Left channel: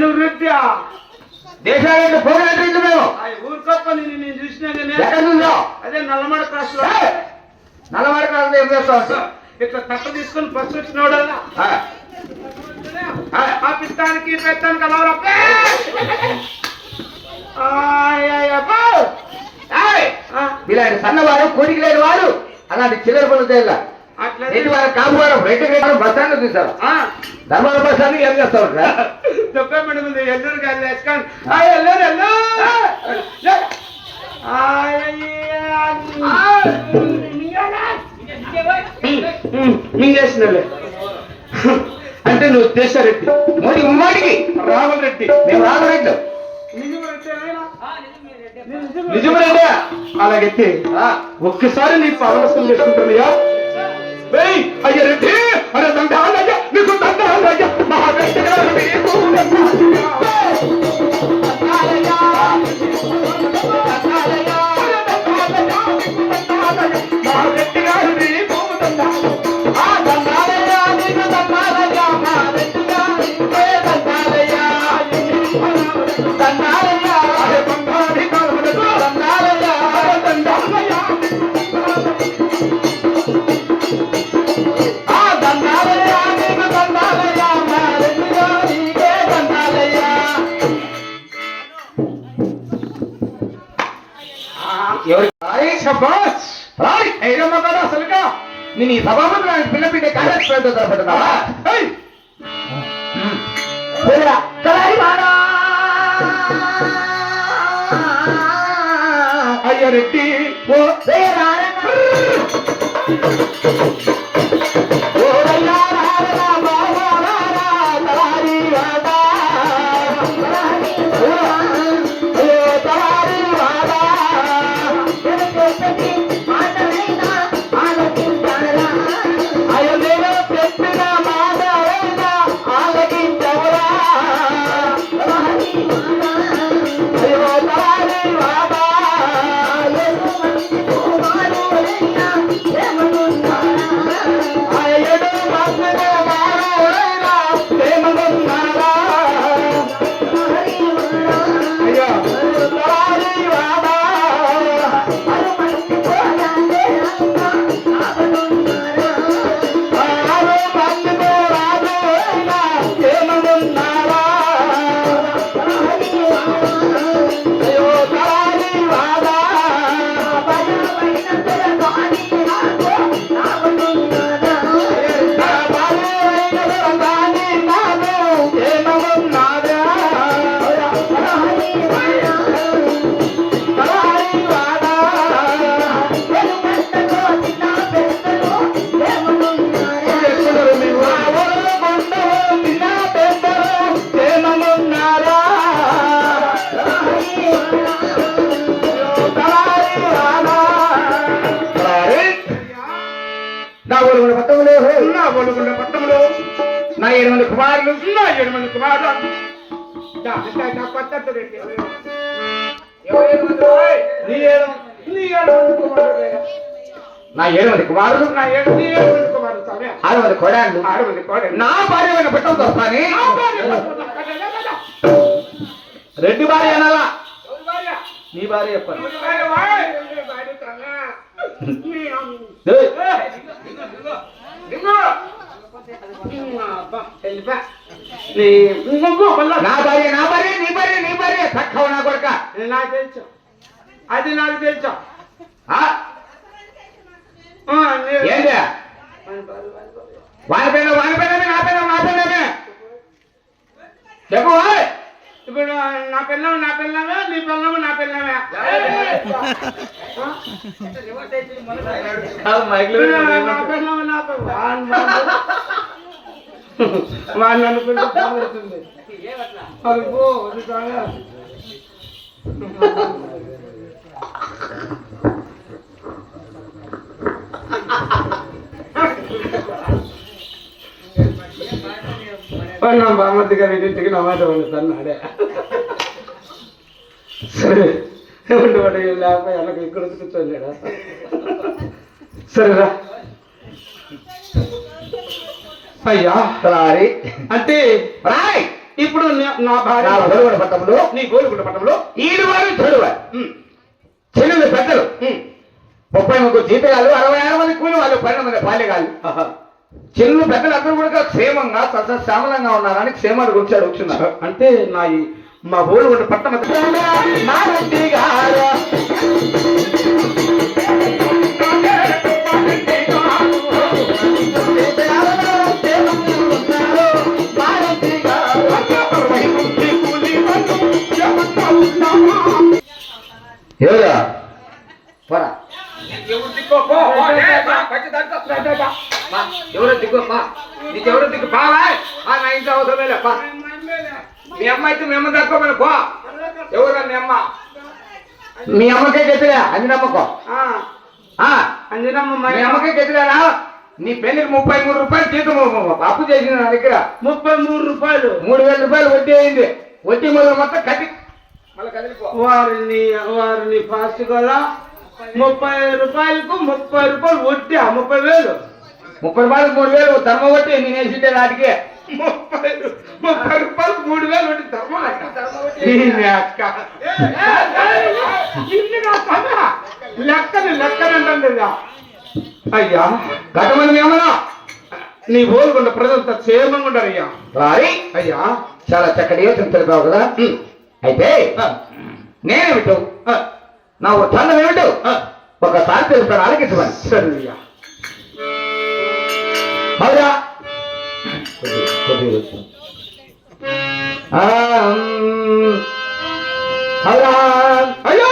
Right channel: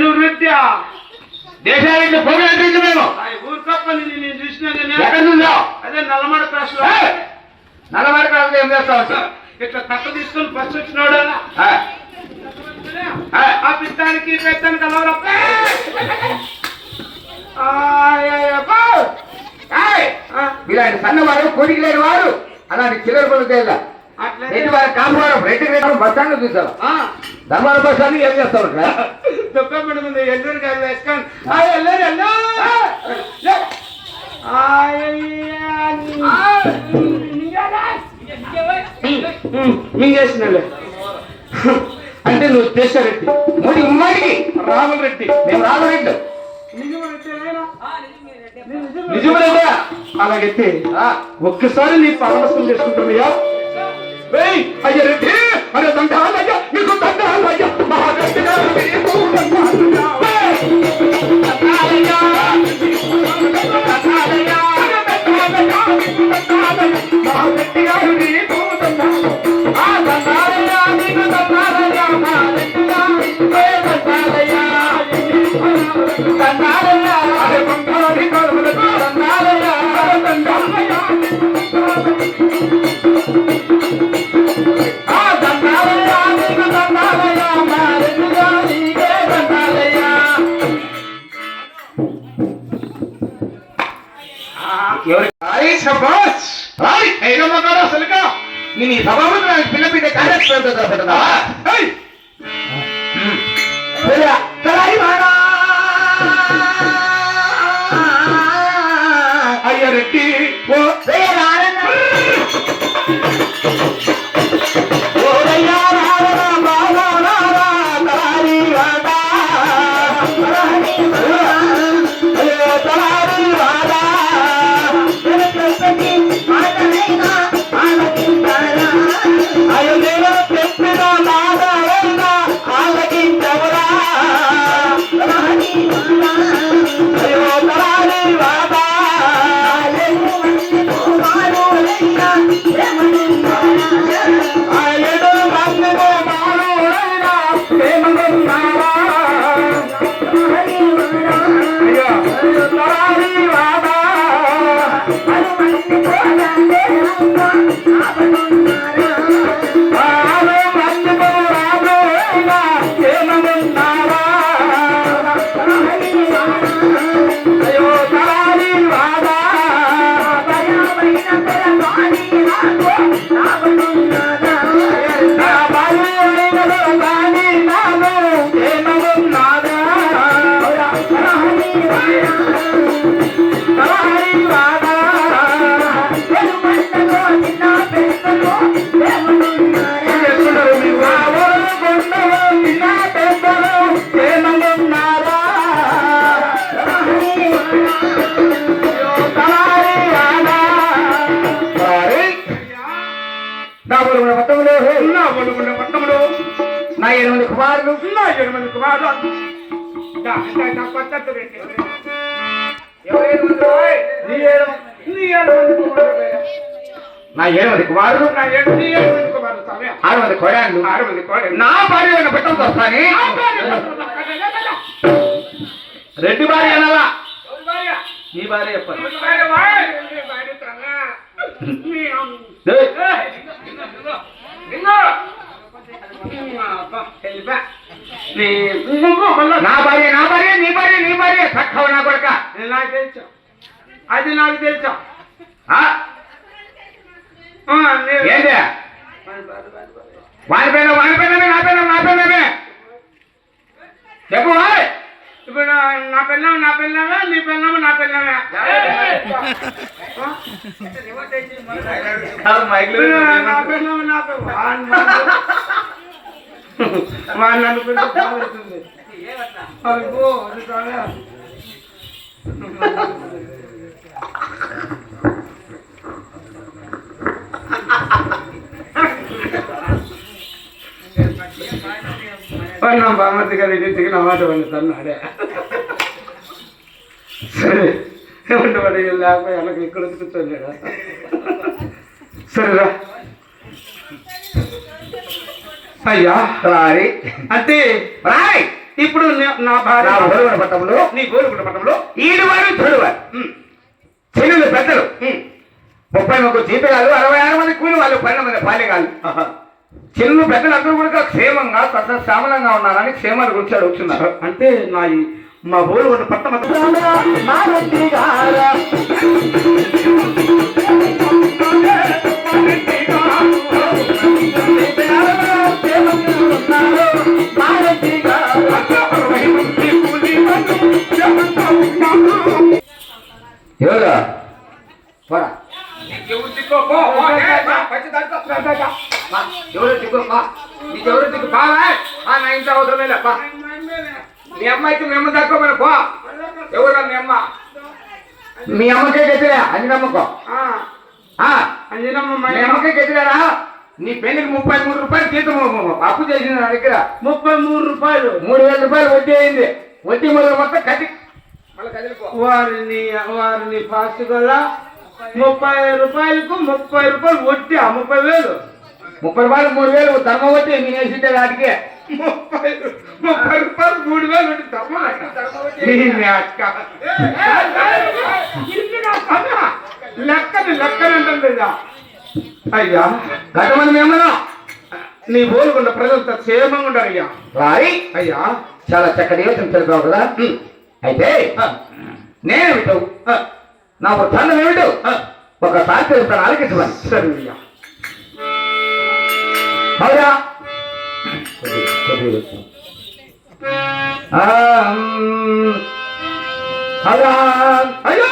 నువ్వు వృత్యా దేశానికి పోగొట్టింది మేము ఊరు తప్ప నేను చూసిన ఎక్కడ ఉందో అదే నల్లమడ క్రాస్ లో నల్లమడ క్రాస్ ఏం చేస్తావు ఇట్లా తక్కువ తీసుకుని బస్సు వచ్చినోడల్లా ఆ పిత్తానికి పెత్తానికి కలవరా ఇలాంటి సన్నవారు కోడికి లేని వారు అలాంటి చిల్లర పనులు చేయాల కాపురం రెడ్డి బస్ స్టాండ్ చూసారు ధర్మాల బస్ స్టాండ్ ఏం చేస్తావు దుఃఖపడి ముందు ఎల్లూరు గారు వేసుకోండి మింగేసినలే అంటే నువ్వు దేశారెడ్డి మోదీ ఉమ్మాడికి రాహుల్ రెడ్డి మేము రామరెడ్డి నిజమేనా అలాగైతే ఒక్కసారి నీ పాలవసం చేసుకుంటున్నాయా అయ్య రెడ్డి అరే దండాలయ్య నీకు దండాలయ్య మహారెడ్డి గారు నీ సభలో పిల్ల పిల్ల కార్యక్రమం అయ్య రెడ్డి పట్టణంలో నా 8 కుమారులు నా 8 కుమారులు నా 8 కుమారులు 6 కోడాళ్ళు 6 కోడాళ్ళు నా భార్య పెట్టడం వస్తాని రెడ్డి భార్య అనాలా నీ భార్య చెప్పాలి నా భార్య నీ భార్య తక్కువ నా కొడుక నాకు తెలుసు అది నాకు తెలుసు ఏంటి వాడిపోయినా నా పైన చెప్పు ఇప్పుడు నా పిల్లమే నీ పిల్లమే నా పిల్లమే వాళ్ళు అనుకుంటే బాగుంటుంది అదిగో బామతి గారి ఇంటికి నా మాట వండుతున్నాడే సరే ఏమంటే వాడు లేకపోతే వెనక ఇక్కడ కూర్చోలేడా సరేరా అయ్యా రారి అంటే రాయ్ ఇప్పుడు నా భార్య నా గోలుగొండ పట్టణంలో నీ గోలుగుంట పట్టణంలో ఈడువారు చూడువారు చెల్లెలు పెద్దలు 33 జీతగాళ్ళు 66 మంది కూలి వాళ్ళు 12 మంది బాల్యగాళ్ళు చెల్లెలు పెద్దలు అందరూ కూడా క్షేమంగా సామలంగా ఉన్నారని క్షేమాల గురించి అడుగుతున్నారు. అంటే మా గోలుగుంట పట్టణ ఎవరా ఎవరు దిక్కో నీకెవరు దిక్కు బాగా నా ఇంట్లో అవసరం లేపా. మీ అమ్మ అయితే మీ అమ్మ తక్కువ మన పో. ఎవరా మీ అమ్మ? మీ అమ్మకే గెతిరా అంజనమ్మకో అంజనమ్మ మీ అమ్మకే గెతిరారా. నీ పెళ్లికి 33 రూపాయలు జీతం అప్పు చేసింది నా దగ్గర. 33 రూపాయలు 3000 రూపాయలు వడ్డీ అయింది. వడ్డీ మొదలు మొత్తం కట్టి మళ్ళీ కదిలిపో. వారిని ఫాస్ట్ కదా 30 రూపాయలకు 30 రూపాయలు వడ్డీ 30,000 30 రూపాయలు 3000 ధర్మ వడ్డీ నేను వేసింటే వాటికి 30 రూపాయలు 3,000 వడ్డీ ధర్మ లెక్కనంటుంది. అయ్యా గతమంది మేమన్నా నీ గోలుగొండ ప్రజలతో క్షేమంగా ఉండాలి అయ్యా. రాయి అయ్యా చాలా చక్కటి యోచన తెలిపావు కదా. అయితే నేనేమిటో నా వృత్తాంతం ఏమిటో ఒకసారి తెలుస్తాను, ఆలకించమని. సరే అయ్యా. అవునా అయ్యో